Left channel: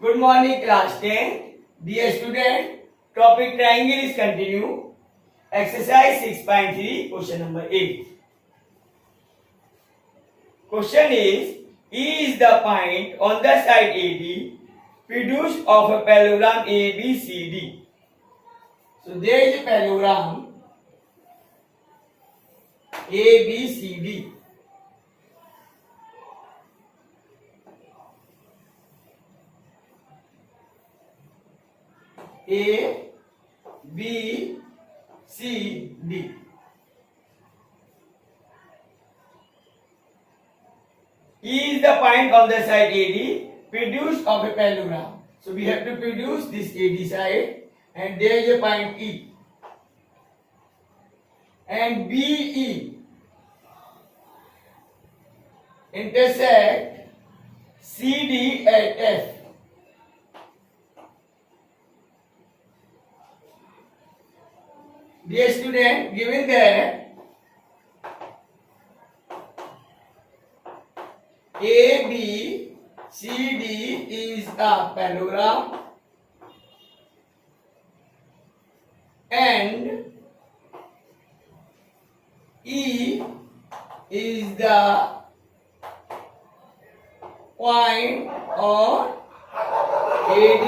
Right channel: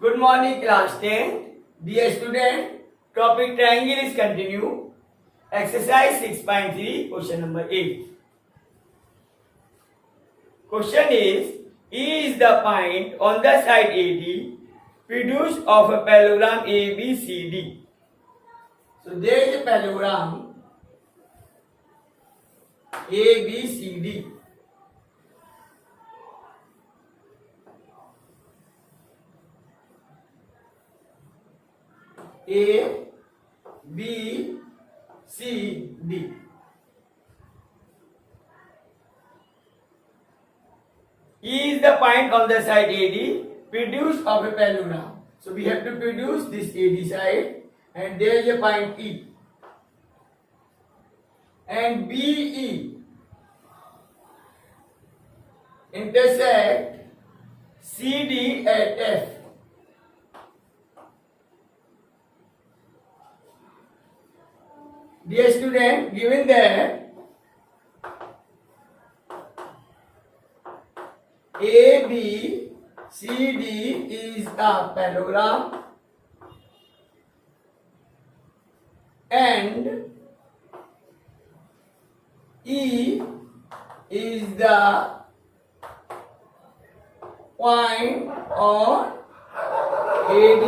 Good morning, class 10. Dear student, topic triangle is continue. Exercise 6.3, question number 8. Question is, E is the point on the side AD produced of a parallelogram ABCD. So there is a parallelogram ABCD. A, B, C, D. E is the point on the side AD produced of a parallelogram. So we have to produce this AD side and there is a point E. And BE intersect CD at F. Dear student, given that ABCD is a parallelogram and E is the point on AD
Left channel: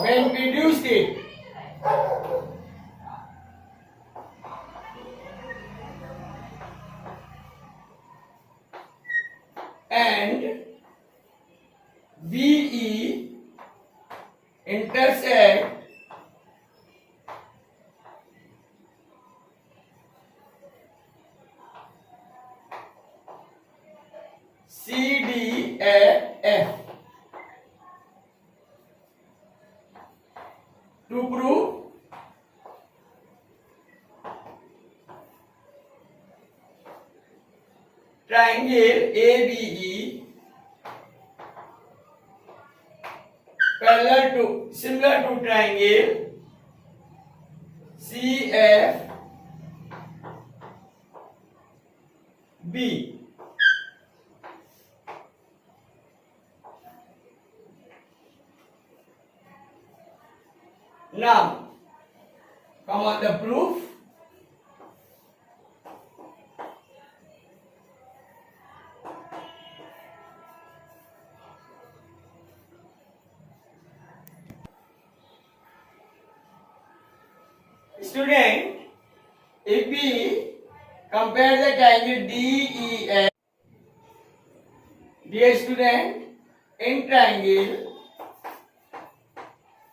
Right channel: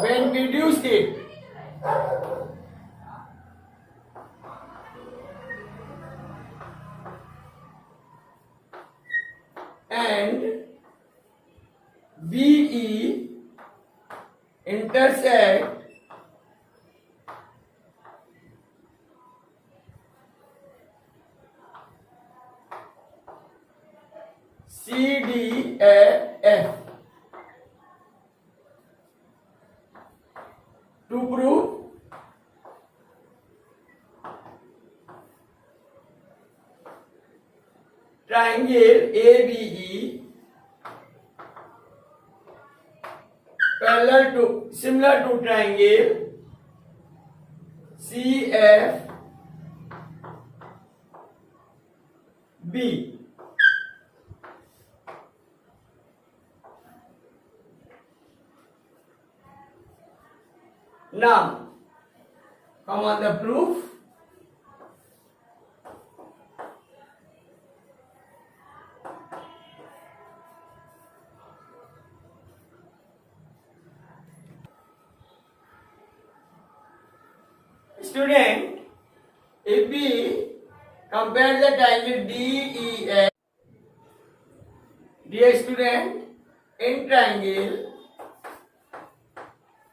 when produced it. And BE intersect CD at F. To prove triangle ABE parallel to similar to triangle CFB. Now come on the proof. Student, if we compare the triangle DEF, dear student, in triangle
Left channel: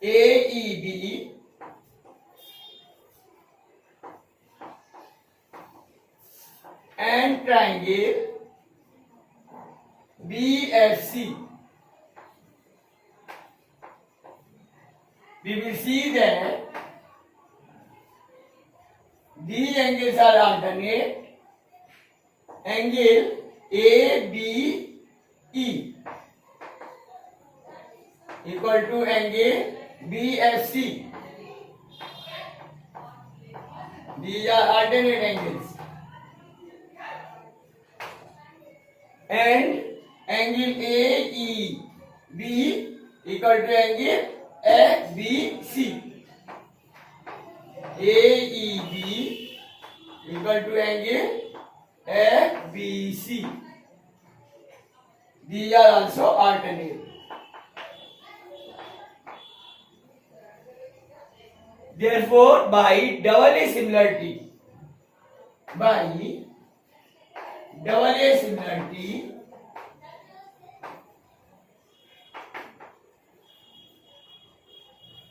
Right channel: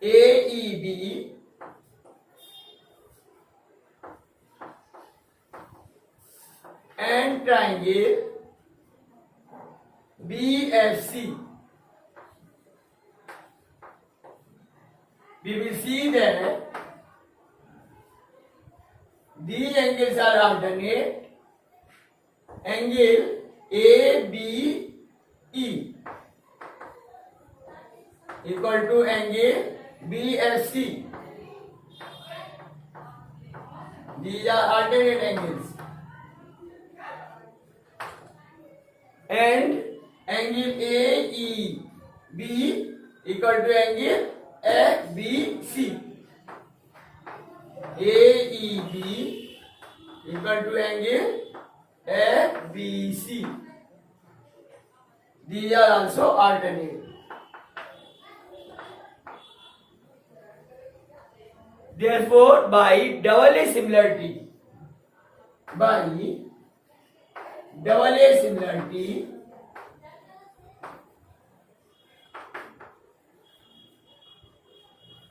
AEB and triangle BFC, we will see that these angles are alternate. Angle ABE equal to angle BFC. These are alternate angles. And angle AEB equal to angle ABC. AEB equal to angle ABC. These are also alternate. Therefore, by double A similarity,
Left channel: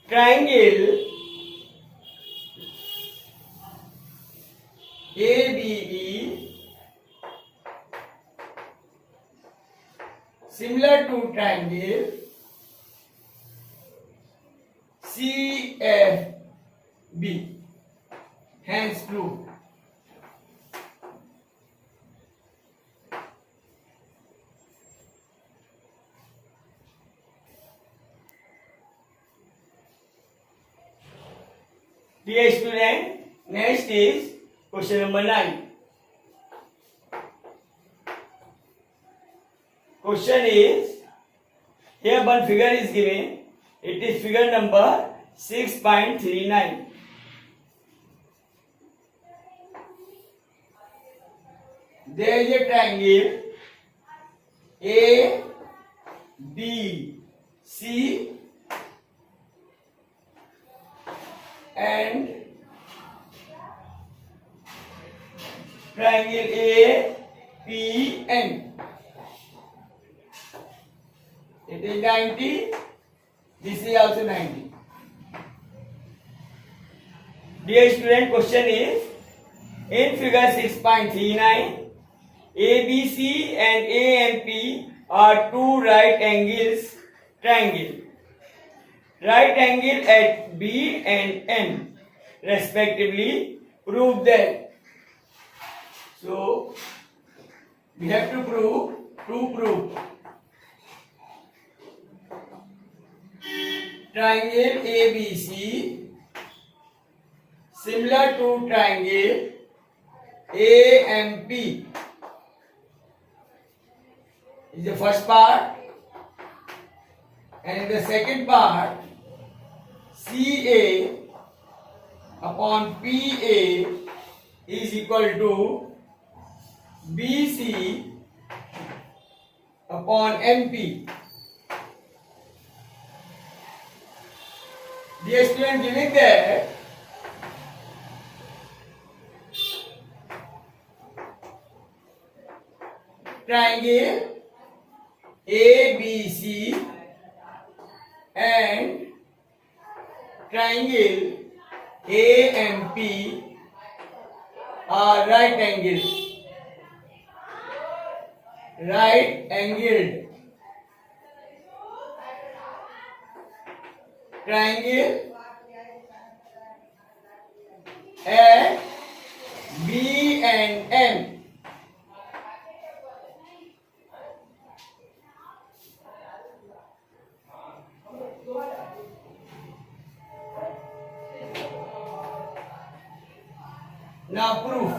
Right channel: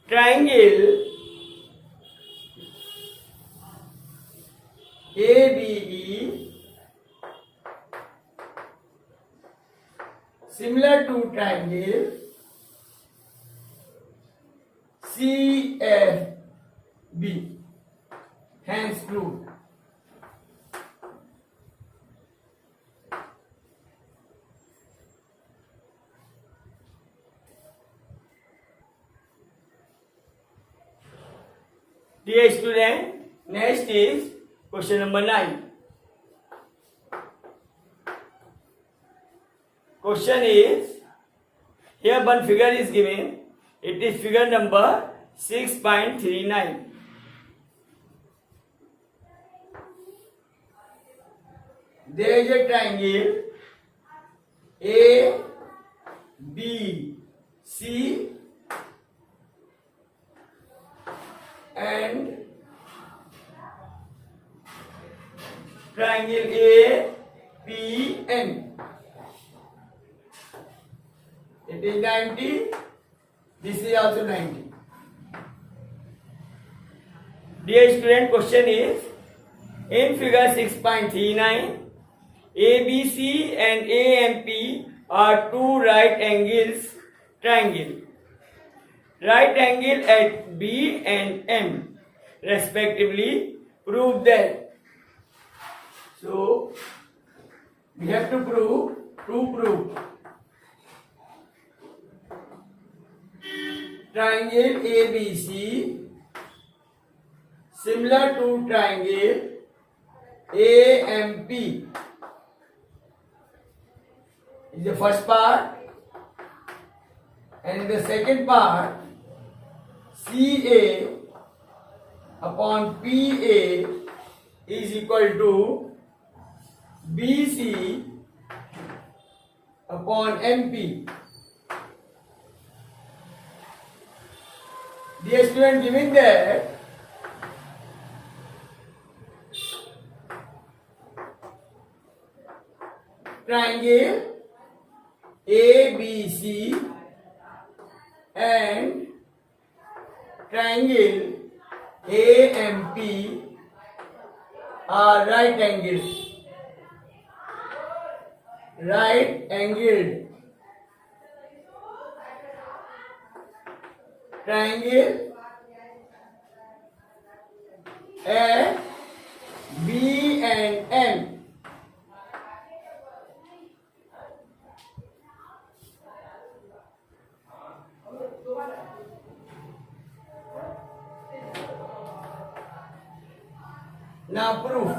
triangle ABE similar to triangle CFB, hence proved. Dear student, next is question number 9. Question is, Here one figure is given. It is figure number 6.39. There is a triangle A, B, C and triangle A, P, N. It is 90. This is also 90. Dear student, question is, in figure 6.39, ABC and AMP are two right angles triangle. Right angle at B and M respectively. Prove that. So we have to prove. Triangle ABC similar to triangle AMP is the first part, and in the second part CA upon PA is equal to BC upon MP. Dear student, giving that triangle ABC and triangle AMP are right angled. Right angled. Triangle at B and M. Now proof.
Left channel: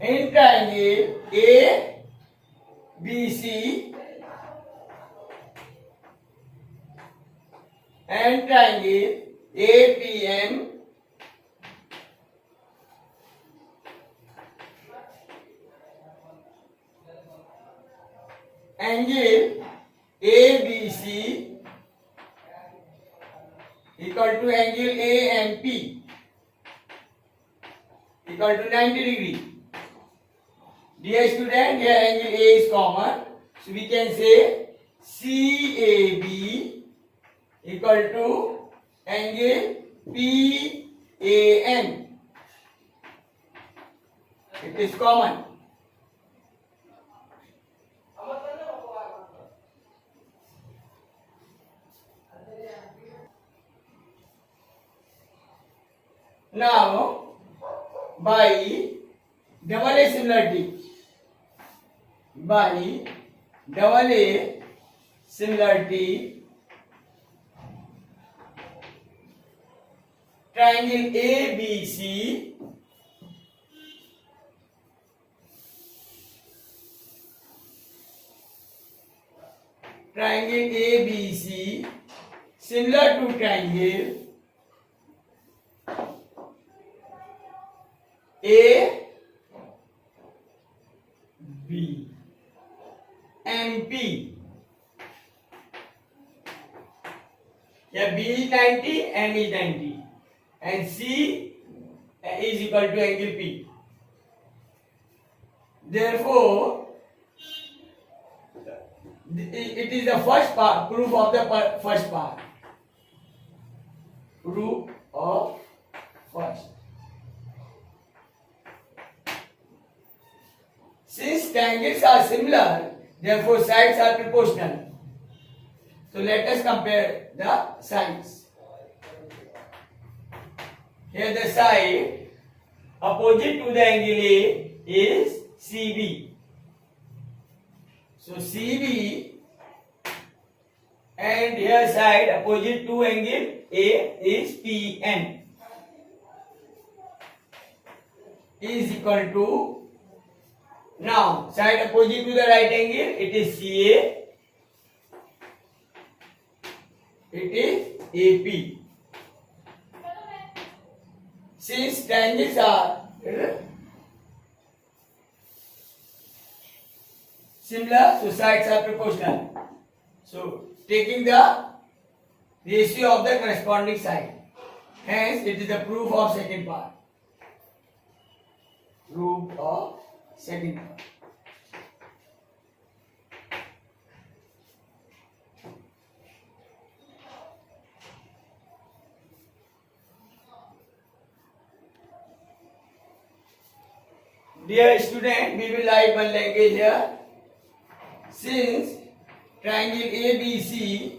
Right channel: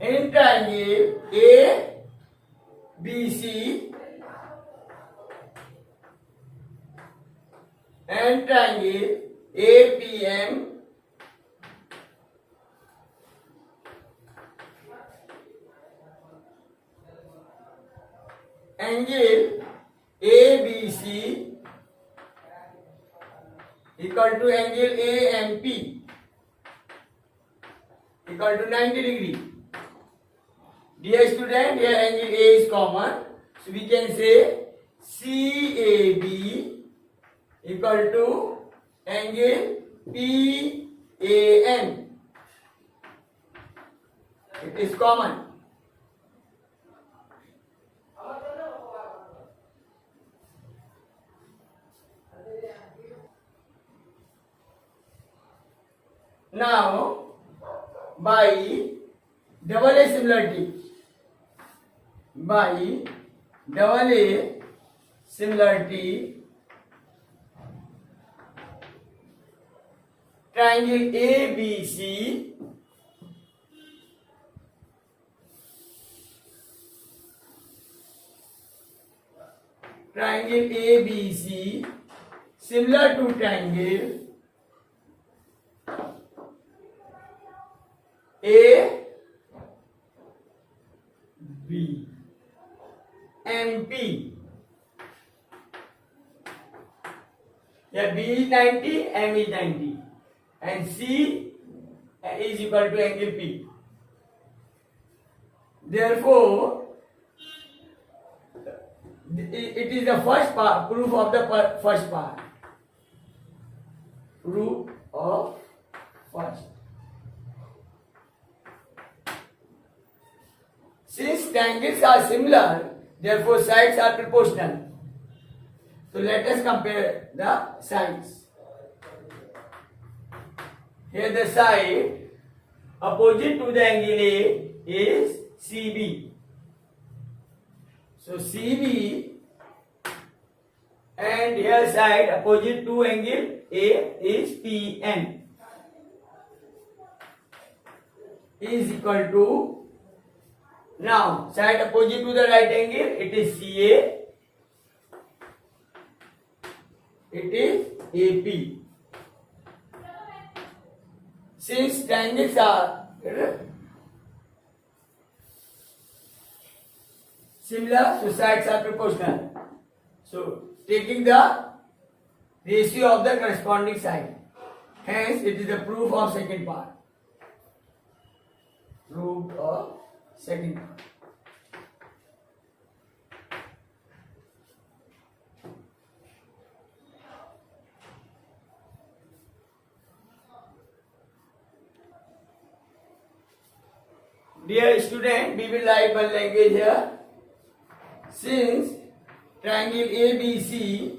In triangle A, B, C and triangle APM angle ABC equal to angle AMP equal to 90 degree. Dear student, here angle A is common, so we can say CAB equal to angle PAN. It is common. Now, by double A similarity, triangle ABC similar to triangle A B MP. Yeah, B is 90, M is 90, and C is equal to angle P. Therefore, it is the first part, proof of the first part. Proof of first. Since triangles are similar, therefore sides are proportional. So let us compare the sides. Here the side opposite to the angle A is CB. So CB, and here side opposite to angle A is PN, is equal to Now, side opposite to the right angle, it is CA, it is AP. Since triangles are similar, so sides are proportional. So, taking the ratio of the corresponding side. Hence, it is the proof of second part. Proof of second part. Dear student, we will write one language here. Since triangle ABC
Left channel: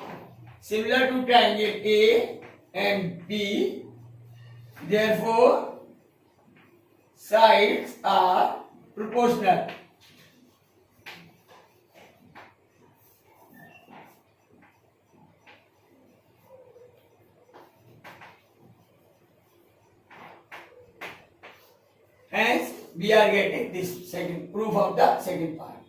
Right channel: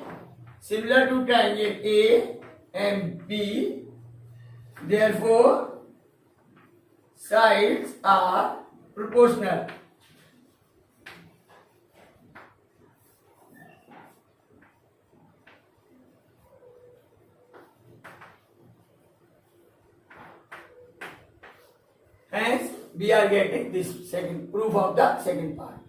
similar to triangle A and B, therefore sides are proportional. Hence, we are getting this second proof of the second part.